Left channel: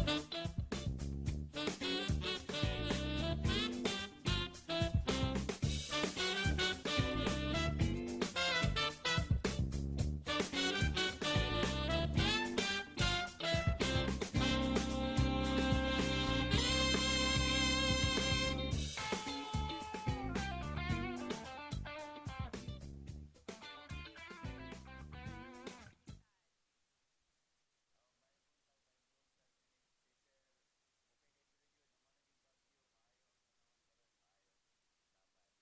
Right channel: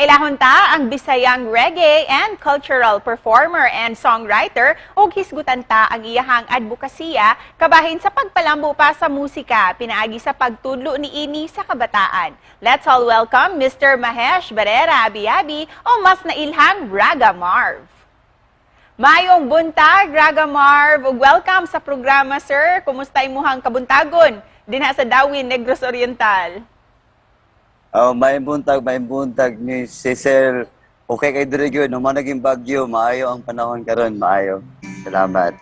Kailahon ta ang Bisayang reggae and cultural performer and songwriter ug hisgutan ta ang iyahang advokasya kabahin sa pagpalambo pa sa musika pinaagi sa pagtudlo niini sa kabataan. Let's all welcome Mr. Mahesh Barrera Abiabi o mas nailhang Raga Marv. Mayong buntag, Raga Marv, ug welcome sa programa, sir. Kumusta imuhang kabuntagon dinha sa Dawin, Negros Oriental? May buntag ni Cecil. Okay kay diri gyud, naman naging bagyo, maayo ang panahon karon, maayo. Salamat.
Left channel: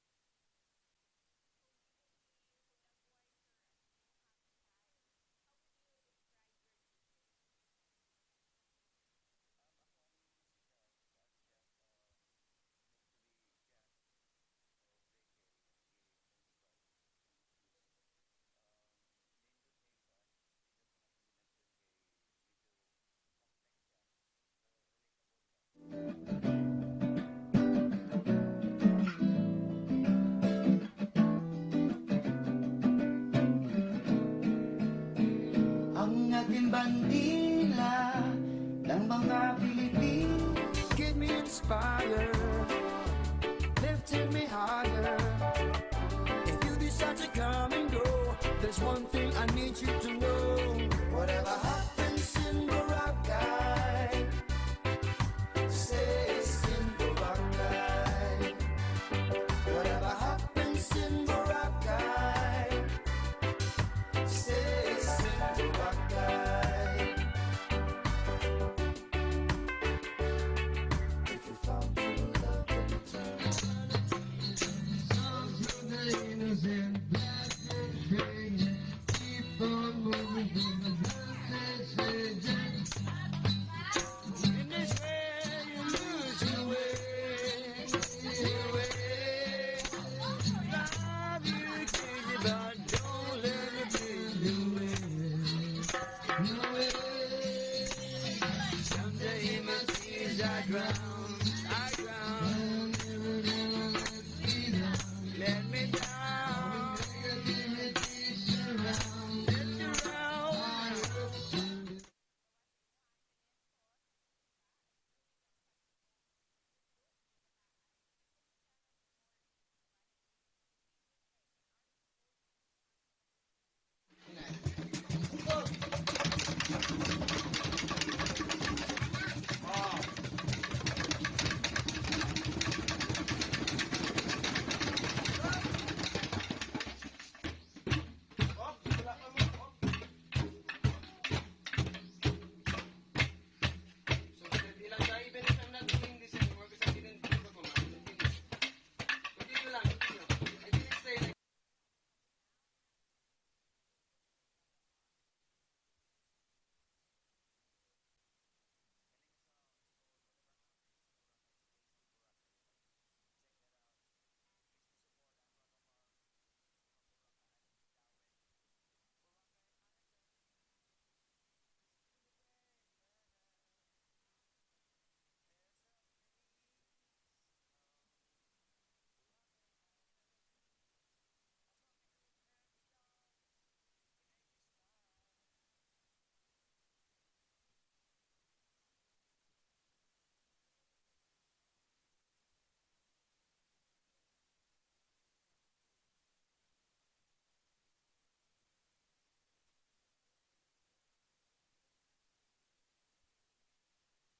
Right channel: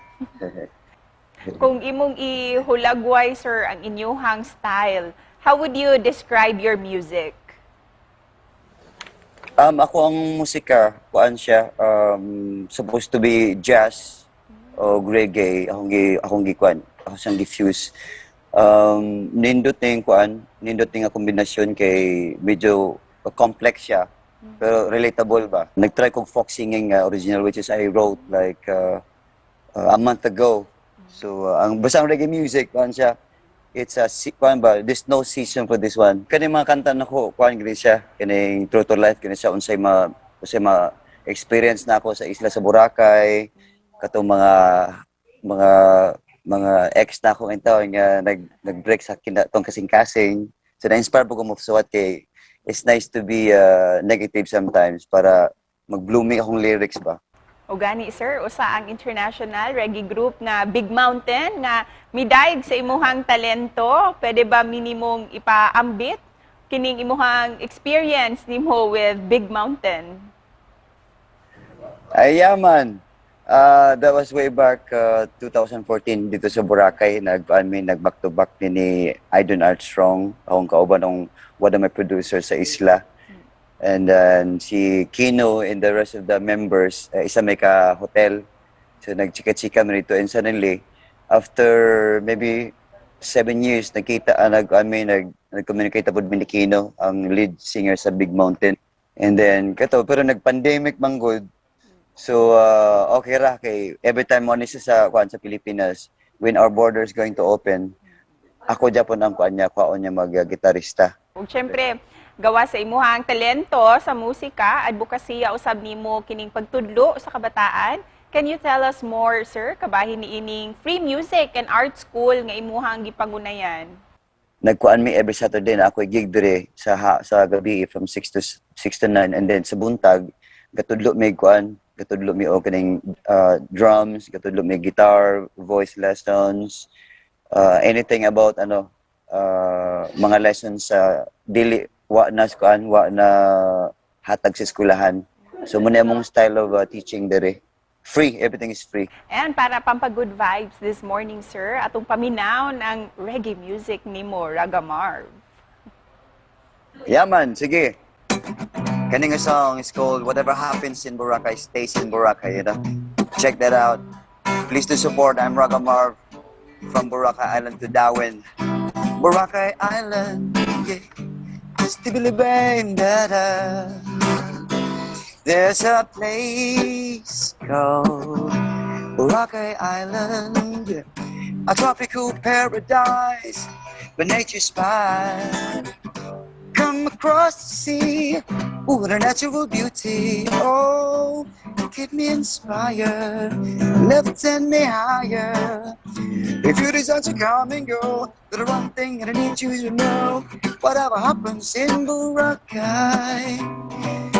Kung imong ihulagway, sir, ang inyuhang style, how would you describe your music? Ako ang musika, kuan siya, supposed to be jazz o reggae, akong gikuan, ako siyang diffuse. Nindot nga kombinasyon kay medyo complex siya, pero relatable ba. Nag-try kong folk singing original which is I wrote like a month ago. So ang basang reggae music kuan siya. It's a kuan ba, there's no season for this one. Kani mga kanta na ko, kuan gid siya, kani true to life kani siya unsay ma experience na ako sa isla sa Boracay, katong mga ex na ako ito nga nag-break sa kinatong kasing-kasing. So na-inspire po ko magsuwat kay it's nice to be negative sometimes para mag-blooming akong lyrics ba. O gani, sir, usa ang international reggae group na Big Mountain na midayeg sa imuhang talento. Pwede ba minimum ipaambit kining imuhang experience nimo with Big Mountain? Ay, yaman. That was way back 2014 dito sa Boracay. Nag-back to back ni Aidon Armstrong, akong kauban ng one of my producers sa isla. And then si Kino and the rest of the members, isa may ka-hotel. So nagchika-chika mo rito and suddenly, after maybe 7 years, nag-communicate po ni Kino, ang lead singer sa Big Mountain. And then, pero nag-pandemic manggod. So, okay ra kay every time mo sa Pilipinas, when our border is going to open, ako Japon ang paon niya mag-gitarista. Ug syempre, gawa sa imuhang talento sa musika, advokasya usab nimo kining pagtudlo sa kabataan. Can you tell us more, sir, kabahin niining free music and art school nga imuhang gipangunayan? Nagkuan mi every Saturday na ako gig dire sa gabi from 6 to 9, and then sa buntag katudlo mi opening drums, katudlo mi guitar, voice lessons, anything about mga lessons sa dili wa na hatag sa eskwelahan. So muna among style of teaching dire. Free, everything is free. And para pampag-good vibes this morning, sir, atong paminaw ng reggae music nimo, Raga Marv. Yaman, sige. Kaning song is called Whatever Happens in Boracay Stays in Boracay, you know. Check that out. Please do support. I'm Raga Marv from Boracay Island to Darwin. Boracay Island, yeah. Stibili bang da da. There's a place called Boracay Island, yeah. A tropical paradise where nature's fine. Come across the sea, ooh, the natural beauty. Oh, keep me inspired, levitate me higher. If you decide to come and go, the one thing that I need you to know, whatever happens in Boracay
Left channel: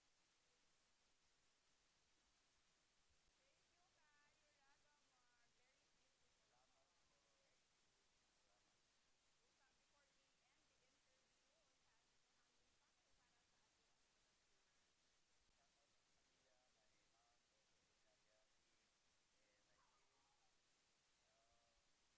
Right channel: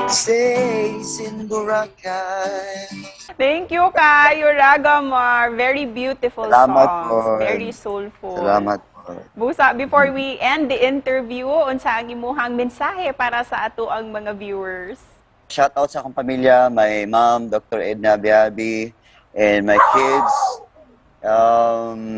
stays in Boracay. Thank you kayo, Raga Marv. Very beautiful Salamat songs. po. Very soulful. Salamat po. Busa, before we end the interview, unsa ang imuhang mensahe para sa ato ang mga viewers? Shout out sa akong pamilya, my mom, Dr. Edna Biabi, and my kids,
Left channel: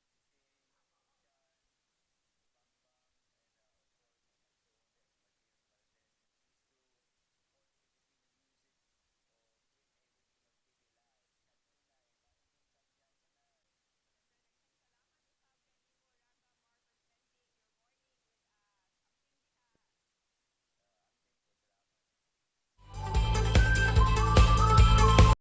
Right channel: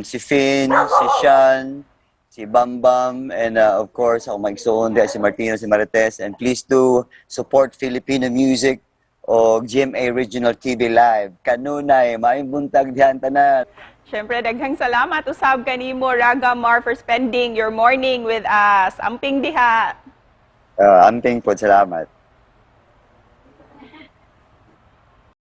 si Finn, si Sean, si Bambam, and of course, ako mag-igsoon, si Martino, si Marites, and please do support Filipino music o GMA Regional TV Live. Kanunay, maayong buntag diyan tanan. Siyempre, daghang salamat usab kanimo, Raga Marv, for spending your morning with us. Amping diha. Amping po, salamat.